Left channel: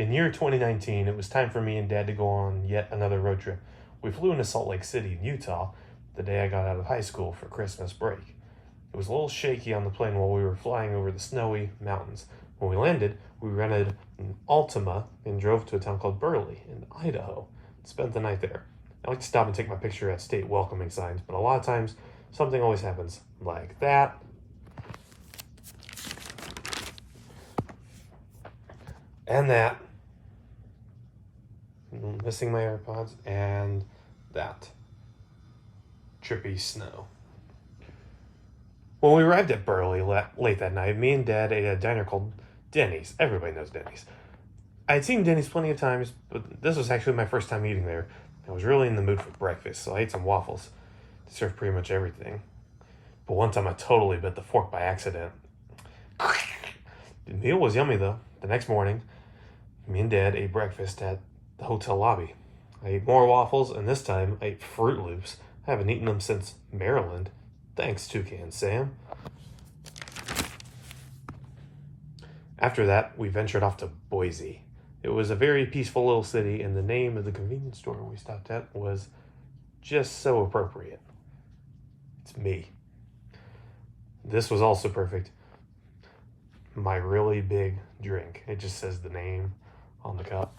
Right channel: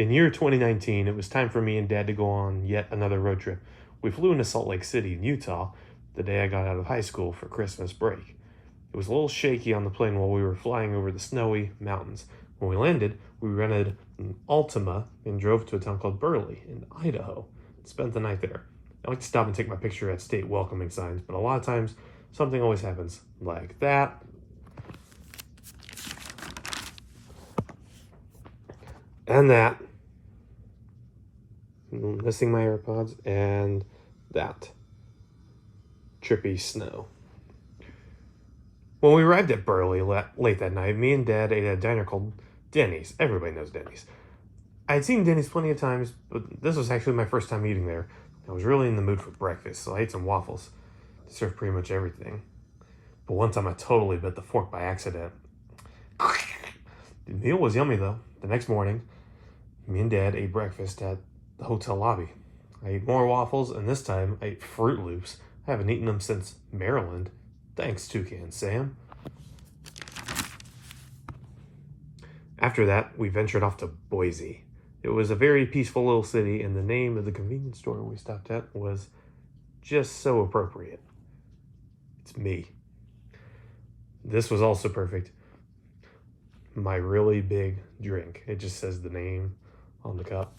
In year 2019, it was time for me and Dad to go on yet another road trip. We flew into Salt Lake City, Utah, the day I got out of high school for Christmas break. It was a little shaky on the plane while we were flying over the snowy mountains. When we landed, we rented an Altima and drove to a town called Burley in Idaho and spent the night there. I like to stop and take my picture at state welcoming signs, but a lot of times something always happens, like that. And that. Missing my AirPods, and that. Trippy snow. When we arrived at Burley late that night, me and Dad ate at a diner called Denny's. Everybody knows Denny's. I had seen Denny's plenty of times, but this was actually my first time eating there. I was really in the mood for breakfast, so I ate some waffles. They served pretty much everything. But one time I totally bit the fork by accident. The meal was yummy though. The next morning, me and Dad ate breakfast at the hotel lobby. I ate more waffles, and this time I ate Fruit Loops. I haven't eaten them since Maryland. Thanks, Toucan Sam. After that, we ventured off to Boise. It was a very peaceful little city, and the name of the convenience store we stopped at was just so appropriate. It's me. This was also perfect. My really big drink. It just says the name on the cup.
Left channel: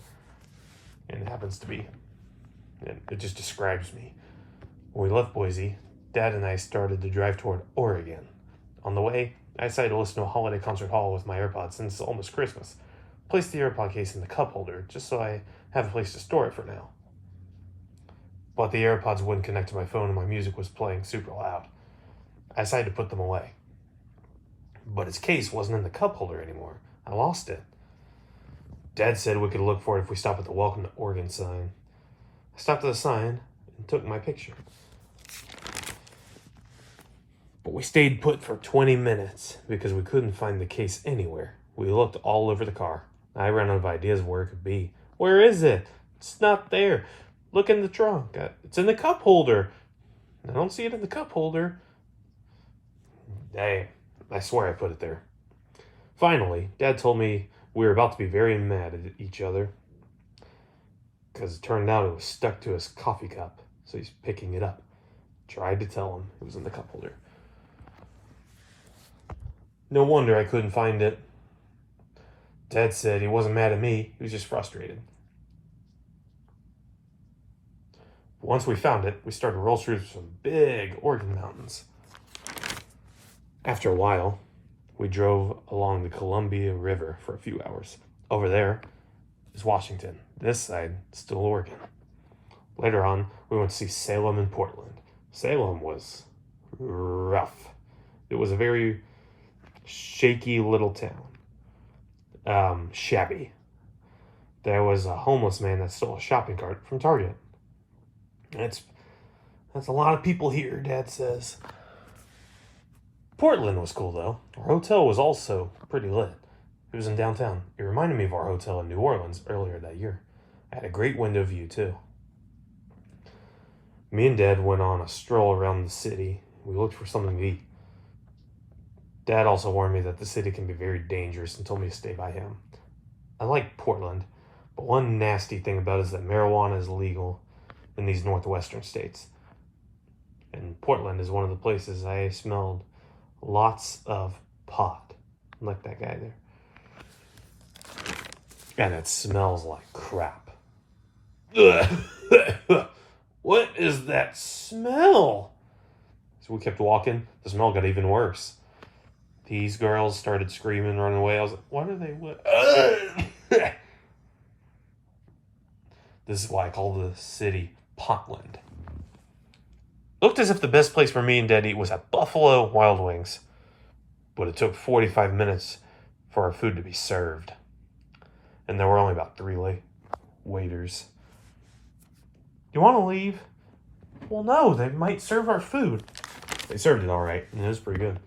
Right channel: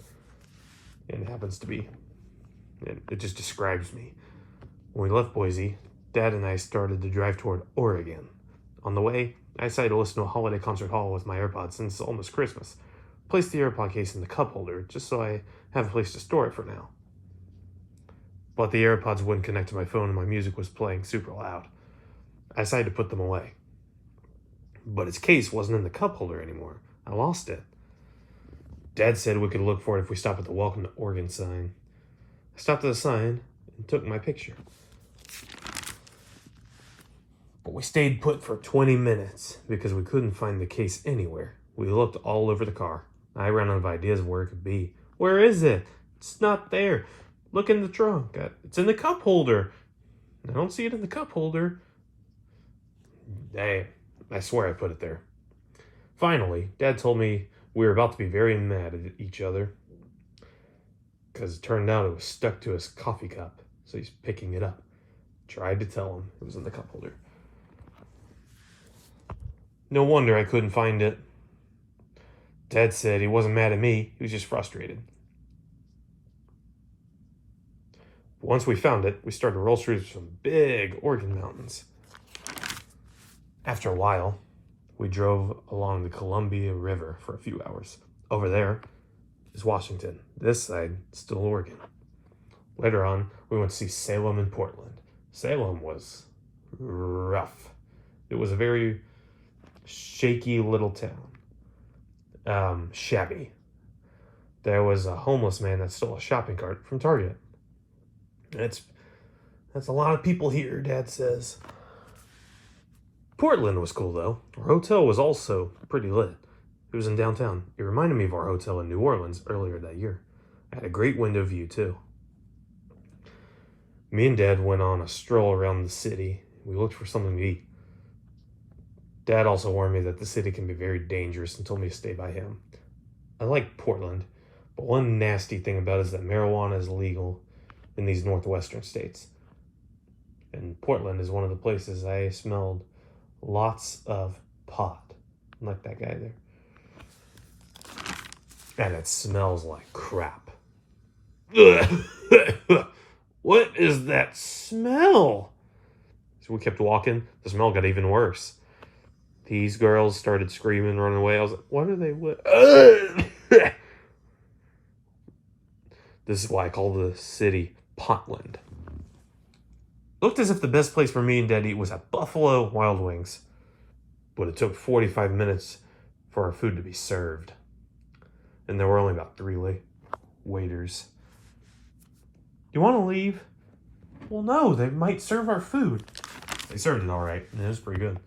And it happens to be. It just describes me. When we left Boise, Dad and I started to drive toward Oregon. On the way, I decided to listen to a holiday concert hall with my AirPods since it's almost Christmas. Placed the AirPod case in the cup holder just so I have a place to store it for now. But the AirPods wouldn't connect to my phone and my music was playing super loud. I decided to put them away. But its case wasn't in the cup holder anymore. I lost it. Dad said we could look for it if we stopped at the Welcome to Oregon sign. I stopped at the sign and took my picture. But we stayed put for 20 minutes because we couldn't find the case anywhere. We looked all over the car. I ran out of ideas of where it could be. Where is it? It's not there. Look in the trunk. It's in the cup holder. I don't see it in the cup holder. Dang, I swear I put it there. Finally, Dad told me we were about to be very mad at each other because it turned out it was stuck to his coffee cup, so he's picking it up. Tried to tell him it was in the cup holder. No wonder I couldn't find it. Dad said he wasn't mad at me, he was just frustrated. Once we found it, we started to roll through some big Oregon mountains. After a while, we drove along the Columbia River for a few hours. Over there is Washington. This side, still Oregon. Later on, we went to see Salem and Portland. Salem was rough. It was a very shaky little town. Shabby. There was a homeless man that stole a shopping cart from Target. That's a lot of people here, Dad says. Portland was cool, though. Our hotel was also pretty lit. It was in downtown. It reminded me of our hotel in New Orleans earlier that year. I had a great window view, too. Me and Dad went on a stroll around the city. We looked for something to eat. Dad also warned me that the city can be very dangerous and told me to stay by him. I like Portland, but one nasty thing about it is that marijuana is legal in these northwestern states. And Portland is one of the places I smelled lots of pot. Like that guy there. And it smells like crap. What is that smell? So we kept walking. The smell got even worse. These girls started screaming and running away. I was like, what are they? This is why I call the city Potland. Looked as if the best place for me and Dad to eat was at Buffalo Wild Wings. But it took 45 minutes for our food to be served. And there were only about 3 waiters. Do you want to leave? Well, no, they might serve our food. They served it all right, and it was pretty good.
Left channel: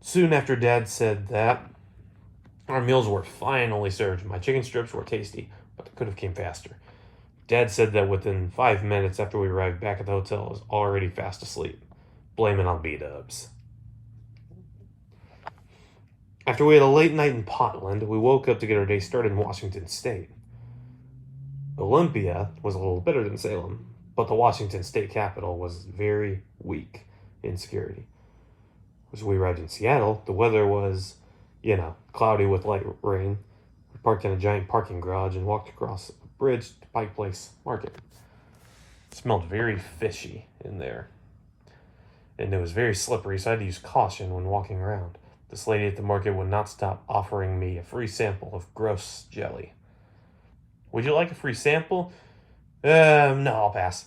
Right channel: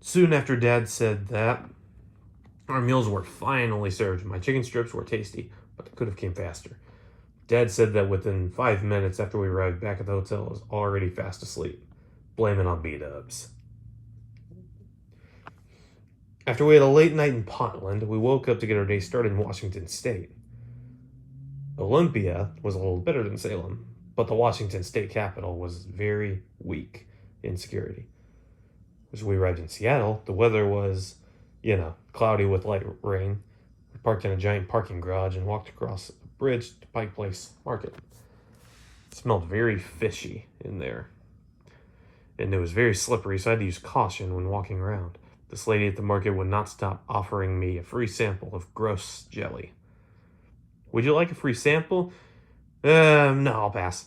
Soon after Dad said that, our meals were finally served. My chicken strips were tasty, but they could have came faster. Dad said that within 5 minutes after we arrived back at the hotel, I was already fast asleep. Blame it on B-dubs. After we had a late night in Portland, we woke up to get our day started in Washington State. Olympia was a little better than Salem, but the Washington State Capitol was very weak in security. As we arrived in Seattle, the weather was, cloudy with light rain. We parked in a giant parking garage and walked across a bridge to Pike Place Market. It smelled very fishy in there, and it was very slippery, so I had to use caution when walking around. This lady at the market would not stop offering me a free sample of gross jelly. Would you like a free sample? No, I'll pass.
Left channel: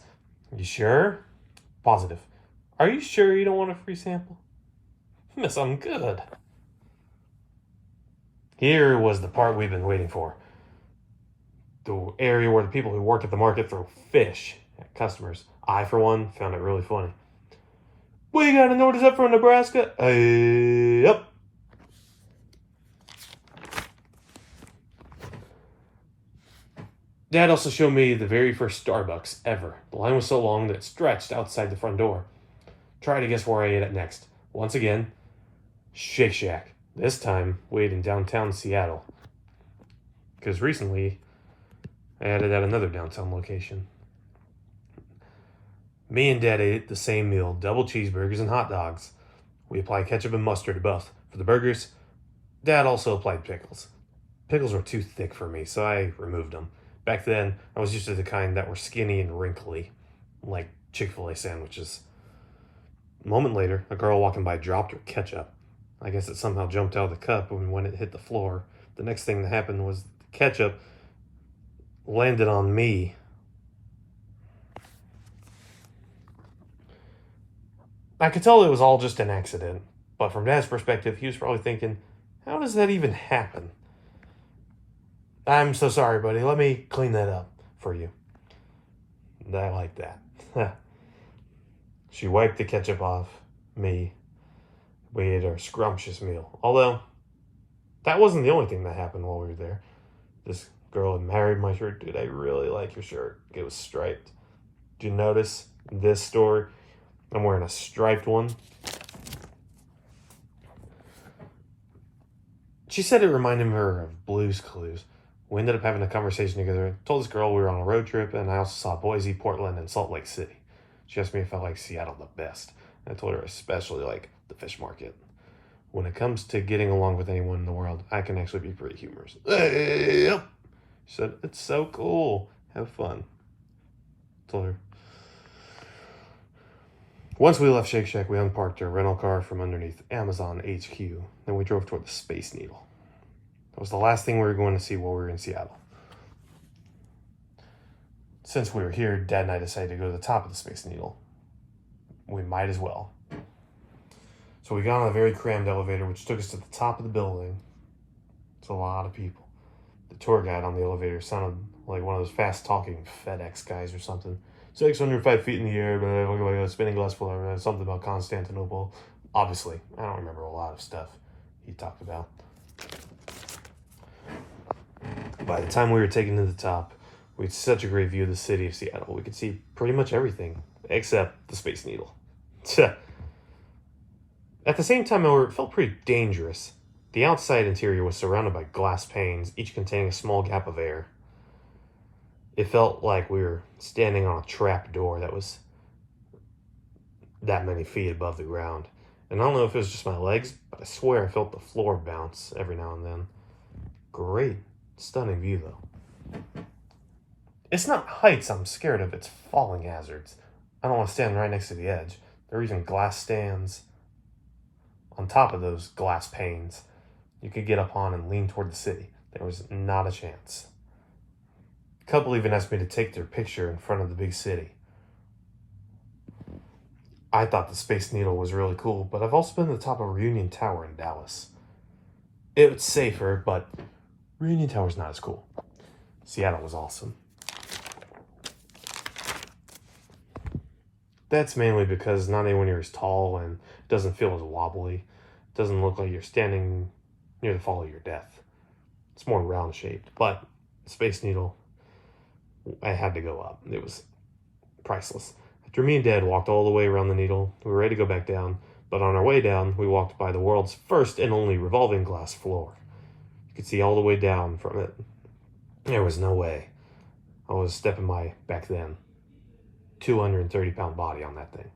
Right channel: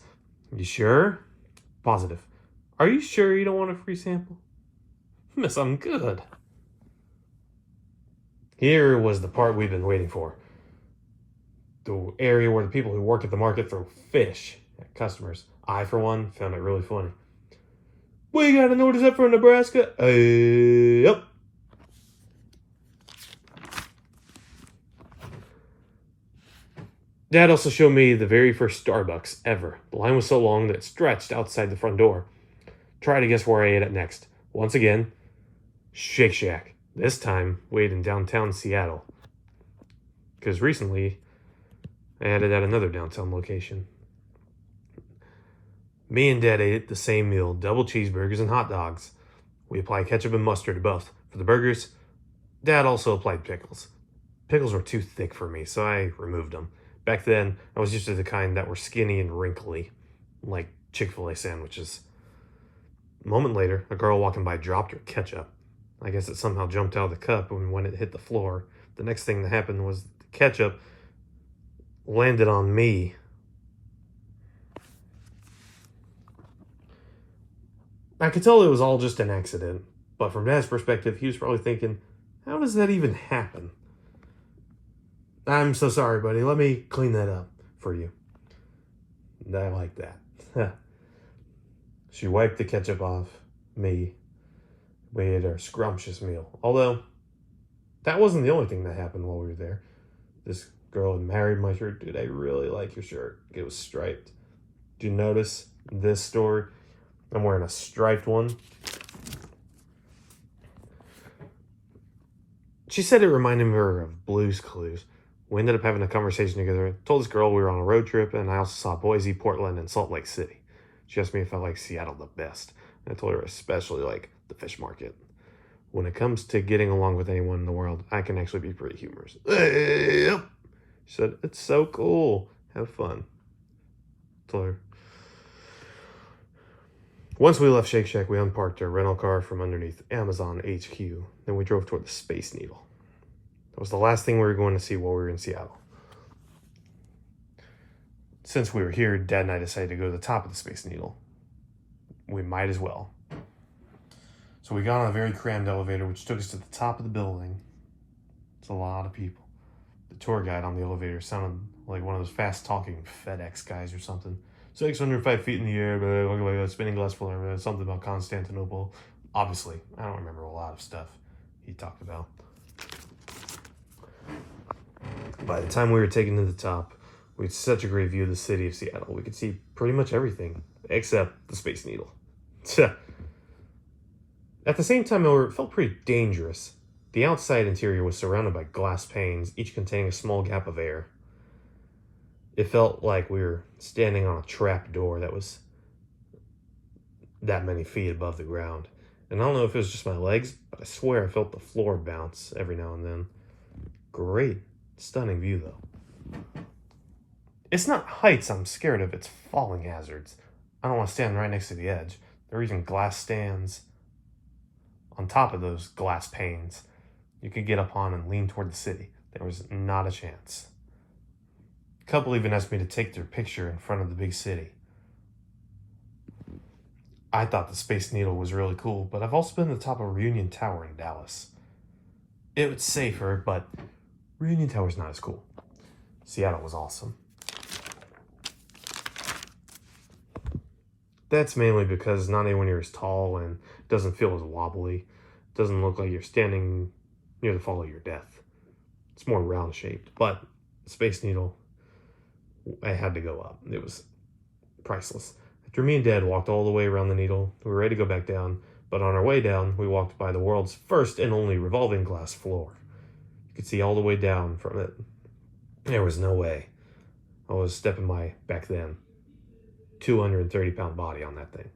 You sure? Positive. Are you sure you don't want a free sample? Miss, I'm good. Here was the part we've been waiting for. The area where the people who work at the market throw fish at customers. I, for one, found it really funny. Well, you got a notice up from Nebraska? Yep. Dad also showed me the very first Starbucks ever. The line was so long that it stretched outside the front door. Try to guess where I ate it next. Once again, Shake Shack. This time, we ate in downtown Seattle. Because recently, I added at another downtown location. Me and Dad ate the same meal, double cheeseburgers and hot dogs. We applied ketchup and mustard to both. For the burgers, Dad also applied pickles. Pickles were too thick for me, so I removed them. Back then, I was used to the kind that were skinny and wrinkly, like Chick-fil-A sandwiches. A moment later, a girl walking by dropped her ketchup. I guess it somehow jumped out of the cup when it hit the floor. The next thing that happened was the ketchup landed on me. I could tell it was all just an accident, but from Dad's perspective, he was probably thinking, how does that even happen? I'm so sorry, buddy. Let me clean that up for you. And I like that. She wiped the ketchup off me. We ate our scrumptious meal. Although, that wasn't the only thing that happened while we were there. This girl had married my shirt. Dude, I really like your shirt. It was striped. Did you notice this store? I'm wearing a striped one. She said it reminded her of Blue's Clues. We ended up having a conversation together. I told this girl we were on a road trip, and I also saw Boise, Portland, and Salt Lake City. She asked me if I liked Seattle the best. I told her I especially like the fish market. When it comes to getting along with anyone in the world, I can actually be pretty humorous. Yep. She said, it's so cool. Have fun. I told her. Once we left Shake Shack, we unparked our rental car from underneath Amazon HQ. Then we drove toward the Space Needle. That was the last thing we were going to see while we were in Seattle. Since we were here, Dad and I decided to go to the top of the Space Needle. We might as well. So we got on a very crammed elevator, which took us to the top of the building. It's a lot of people. The tour guide on the elevator sounded like one of those fast-talking FedEx guys or something. 605 feet in the air, blah, blah, blah, spinning glass floor, something about Constantinople. Obviously, I don't remember a lot of stuff he talked about. By the time we were taken to the top, we had such a great view of the city of Seattle. We could see pretty much everything, except the Space Needle. At the same time, however, it felt pretty dangerous. The outside interior was surrounded by glass panes, each containing a small gap of air. It felt like we were standing on a trap door that was that many feet above the ground. And I don't know if it was just my legs, but I swear I felt the floor bounce every now and then. Great, stunning view though. It's not heights I'm scared of, it's falling hazards. I don't want to stand right next to the edge. There are even glass stands on top of those glass panes you could get up on and lean toward the city. There was not a chance. A couple even asked me to take their picture in front of the big city. I thought the Space Needle was really cool, but I've also been to the top of Reunion Tower in Dallas. It was safer, but Reunion Tower's not as cool. Seattle was awesome. That's mainly because not anyone here is tall and doesn't feel as wobbly. It doesn't look like you're standing near the fall of your death. It's more round shaped, but Space Needle, I had to go up. It was priceless. After me and Dad walked all the way around the needle, we were ready to go back down. But on our way down, we walked by the world's first and only revolving glass floor. You could see all the way down from it. There was no way I was stepping my, back then, 230-pound body on that thing.